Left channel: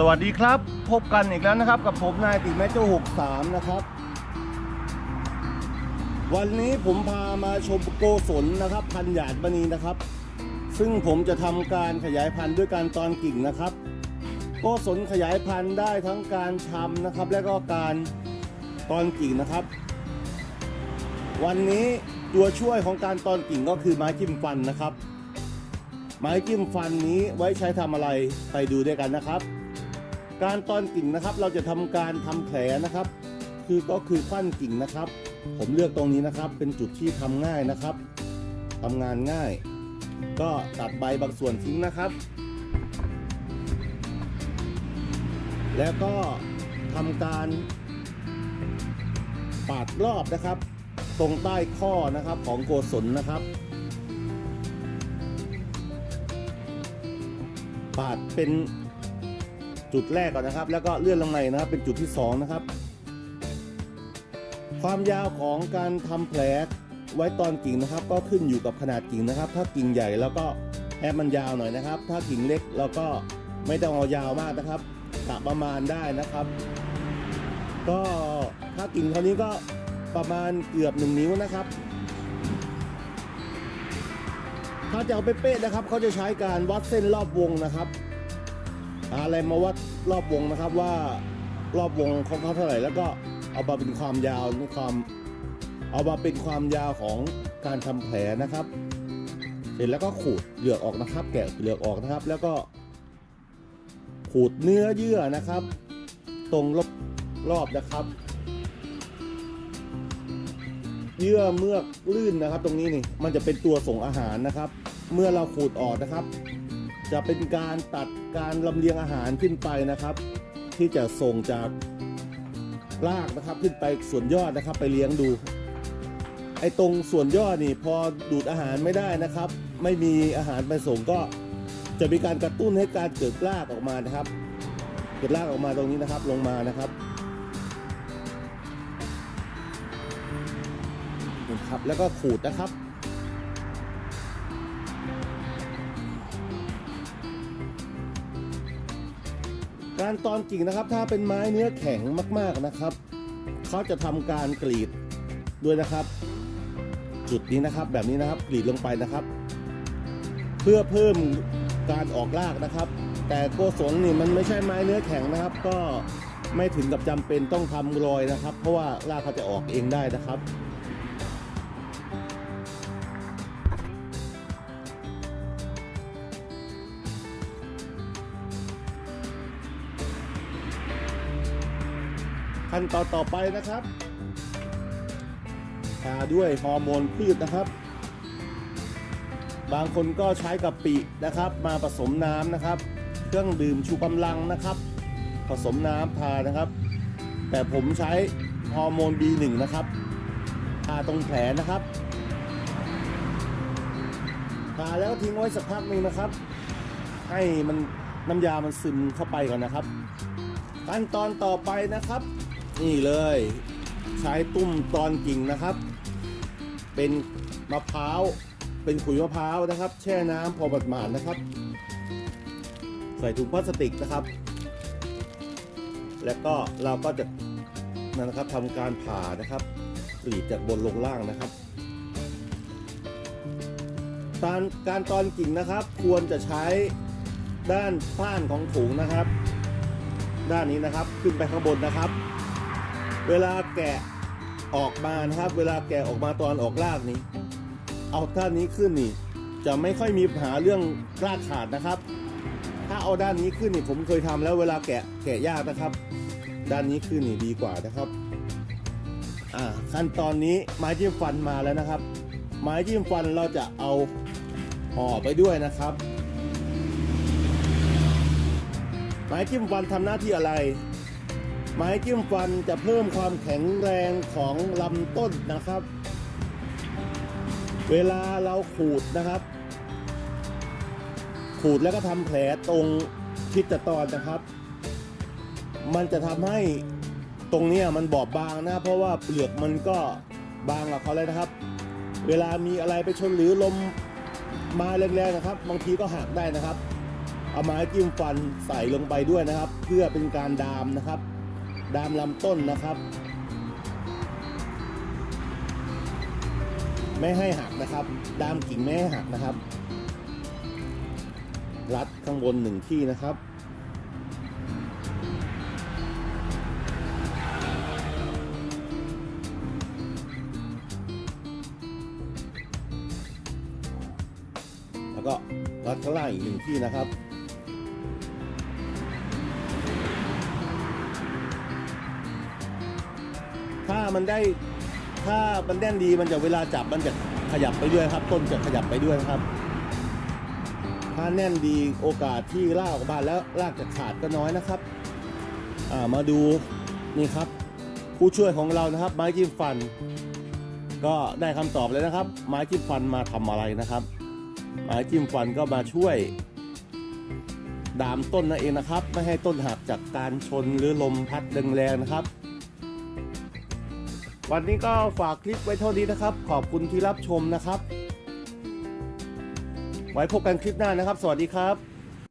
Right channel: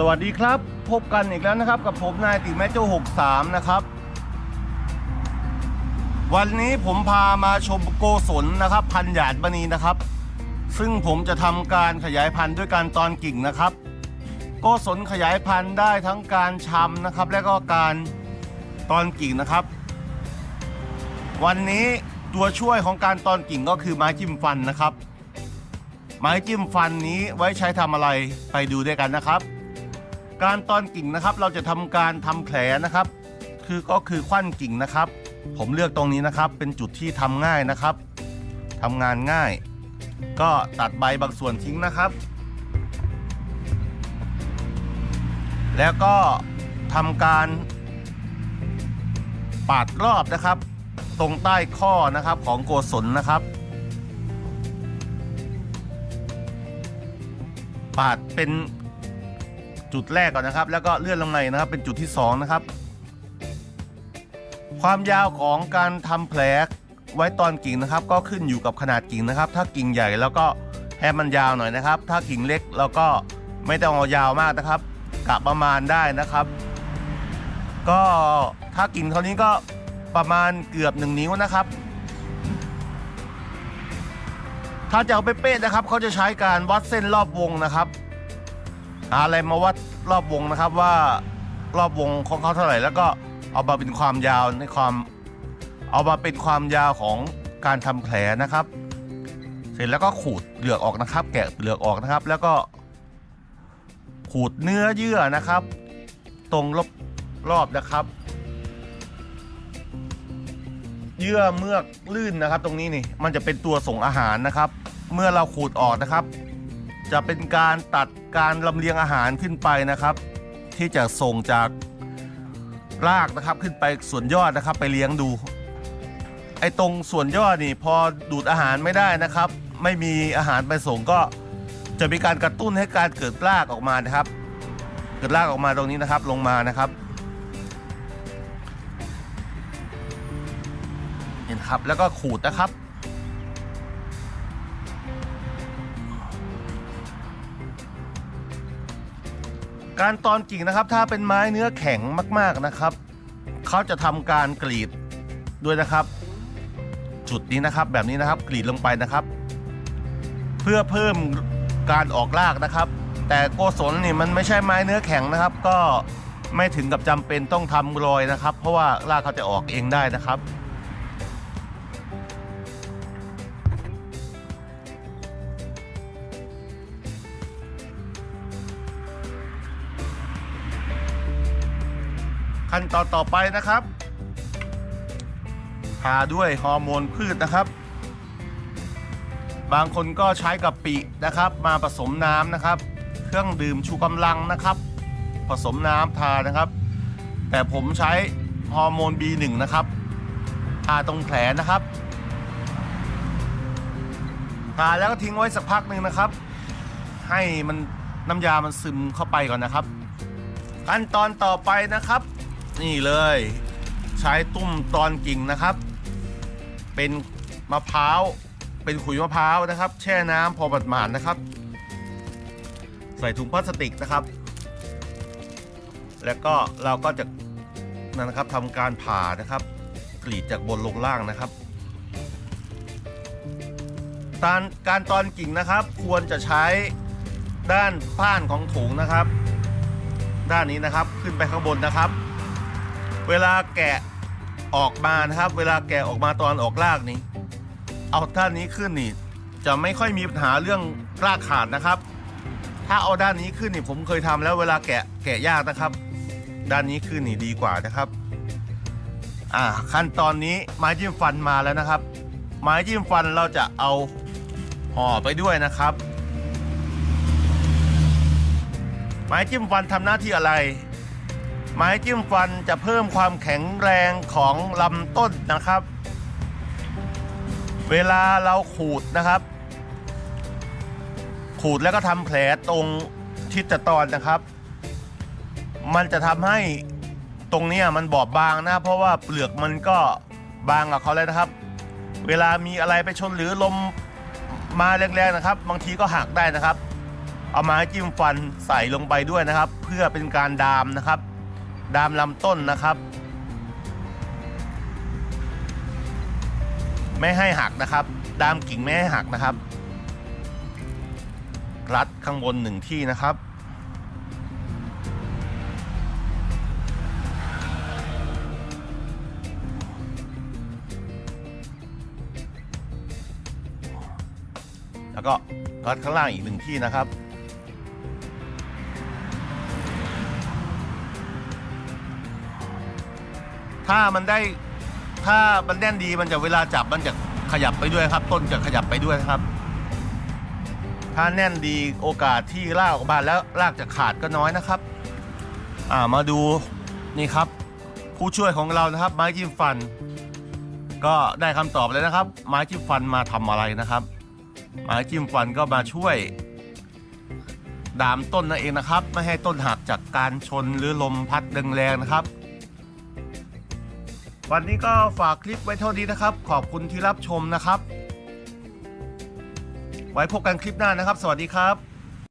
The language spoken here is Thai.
สวัสดีครับ พบกันอีกแล้วนะครับ กับผมนายติแมโจ63 นะครับ วันนี้ผมพามาชมโกศลนะครับ พันหยาดมณีนะครับ ซึ่งผมจะทำการขยายพันธุ์ด้วยการตอนกิ่งนะครับ โกศลขยายพันธุ์ได้ทั้งการชำนะครับ และก็การตอนกิ่งนะครับ วันนี้ตัวช่วยของการตอนกิ่งก็คือไม้จิ้มฟันนะครับ ไม้จิ้มฟันนี้ไว้ใช้ทำอะไรไปดูด้วยกันนะครับ การตอนกิ่งนะครับ เราจะทำการทำแผลนะครับ คือก็คือควันกิ่งนะครับ ผมเลือกตรงนี้นะครับ เป็นจุดที่ทำง่ายนะครับทำงานง่าย ก็ตัดใบบางส่วนทิ้งนะครับ แล้วก็ทำการปาดรอบนะครับ ตรงใต้ข้อนะครับของโกศลนะครับปาดเป็น จุดแรกก่อนนะครับ แล้วก็เลื่อนลงในนะครับ เป็นจุดที่สองนะครับ ความยาวของการทำแผลไว้ตอนกิ่งนะครับ ก็ขึ้นอยู่กับขนาดกิ่งนะครับ ถ้ากิ่งใหญ่แล้วก็ให้มันยาวหน่อยนะครับ ถ้ากิ่งเล็กแล้วก็ไม่ต้องเอายาวมากนะครับกะประมาณได้นะครับ ก็ถ้ากิ่งเท่านี้ก็ประมาณเกือบหนึ่งนิ้วนะครับ ถ้าจะเอาเป๊ะๆนะครับเขาจะใช้การวัดเส้นรอบวงนะครับ หาอะไรมาวัดรอบวงนะครับว่ารอบวงของเขาเท่าไหร่ แล้วก็เอามาเป็นความยาวในความเอามาเป็นความยาวของการทำแผลนะครับ เสร็จแล้วก็ขูดเหลือกออกนะครับ แกะเหลือกออกนะครับ แล้วก็ขูดเนื้อเยื่อนะครับ ตรงรอบรอบนะครับ เยื่อเมือกลื่นนะครับ ตรงนี้นี่มันจะเป็นตัวส่งอาหารนะครับ เมื่อเราขูดออกนะครับ จะเป็นการตัดการลำเลียงอาหารขึ้นไปนะครับ ที่จะส่งจากรากนะครับขึ้นไปส่วนยอดนะครับไปเลี้ยงดู ไอ้ตรงส่วนยอดนี่พอดูดอาหารไม่ได้นะครับ ไม่มีอาหารไปส่งก็จะมีการกระตุ้นให้การเกิดรากออกมานะครับ เกิดรากออกมาตรงนี้นะครับลงมานะครับ เห็นครับแล้วก็ขูดนะครับ การตอนกิ่งนะครับ ถ้าเป็นไม้เนื้อแข็งมากๆนะครับ เขาจะทำการกรีดด้วยนะครับ จุดนี้นะครับแบบนี้นะครับกรีดลงไปนะครับ เพื่อเพิ่มการออกรากนะครับ แต่โกศลนี่มันไม่ใช่ไม้เนื้อแข็งนะครับ ก็ไม่ถึงกับจำเป็นต้องทำรอยนะครับ เพราะว่ารากเขาจะออกเองได้นะครับ ขั้นตอนต่อไปนะครับทาด้วยฮอร์โมนพืชนะครับ บางคนก็ใช้กะปินะครับ มาผสมน้ำนะครับ เครื่องดื่มชูกำลังนะครับ ผสมน้ำทานะครับ แต่ผมใช้ฮอร์โมน B1 นะครับทาตรงแผลนะครับทาแล้วก็ทิ้งไว้สักพักหนึ่งนะครับ ให้มันน้ำยามันซึมเข้าไปก่อนนะครับ ขั้นตอนต่อไปนะครับ นี่เลย ใช้ตุ้มตอนกิ่งนะครับ เป็นมะพร้าว เป็นขุยมะพร้าวนะครับ แช่น้ำพอประมาณนะครับ ใส่ถุงพลาสติกนะครับ แล้วก็เราก็จะนั่นนะครับทำการผ่านะครับ กรีดจากบนลงล่างนะครับการการตอนกิ่งนะครับ ควรจะใช้ด้านผ้านของถุงนะครับ ด้านนี้นะครับขึ้นไปข้างบนนะครับ เวลาแกะออกมานะครับ เวลาแกะออกมาตอนออกรากนี้ เอาด้านนี้ขึ้นนี่ จะไม่ค่อยมีปัญหาเรื่องรากขาดนะครับ ถ้าเอาด้านนี้ขึ้นนี่ผมเคยทำแล้วเวลาแกะแกะยากนะครับ ด้านนี้ขึ้นนี่ดีกว่านะครับอ่าขั้นตอนนี้ไม้จิ้มฟันมาแล้วนะครับ ไม้จิ้มฟันเราจะเอาห่อไปด้วยนะครับ ไม้จิ้มฟันทำหน้าที่อะไร ไม้จิ้มฟันจะเพิ่มความแข็งแรงของลำต้นนะครับ เวลาเราขูดนะครับ ขูดแล้วก็ทำแผลตรงทิศตอนนะครับ มันจะทำให้ตรงนี้มันบอบบางนะ เพราะว่าเปลือกมันก็บางกับเขาเลยนะครับ เวลามีอะไรไปชนหรือลมมาแรงๆนะครับ บางทีก็หักได้นะครับ เอาม้จิ้มฟันใส่ลงไปด้วยนะครับ เพื่อเป็นการดามนะครับ ดามลำต้นนะครับ ไม่ให้หักนะครับ ดามกิ่งไม่ให้หักนะครับ รัดข้างบนหนึ่งที่นะครับ แล้วก็รัดข้างล่างอีกหนึ่งที่นะครับ ถ้ามันได้ถ้ามันแน่นดีมันจะเวลาจับมันจะขยับไปด้วยครับ ต้นจะขยับไปด้วยนะครับ ถ้าแน่นดีโอกาสที่รากออกมาแล้วรากจะขาดก็น้อยนะครับ อ่ามาดูนี่ครับ ผู้ช่วยของเรานะครับ ไม้จิ้มฟัน ก็ได้คำตอบแล้วนะครับ ไม้จิ้มฟันมาทำอะไรนะครับ ไม้จิ้มฟันก็มาช่วย ดามต้นนั่นเองนะครับ ไม่ให้ต้นหักจากการชนหรือลมพัดแรงๆนะครับ วันนี้ก็ฝากคลิปไว้เท่านี้นะครับ ขอบคุณที่รับชมนะครับ ไว้พบกันคลิปหน้านะครับ สวัสดีครับ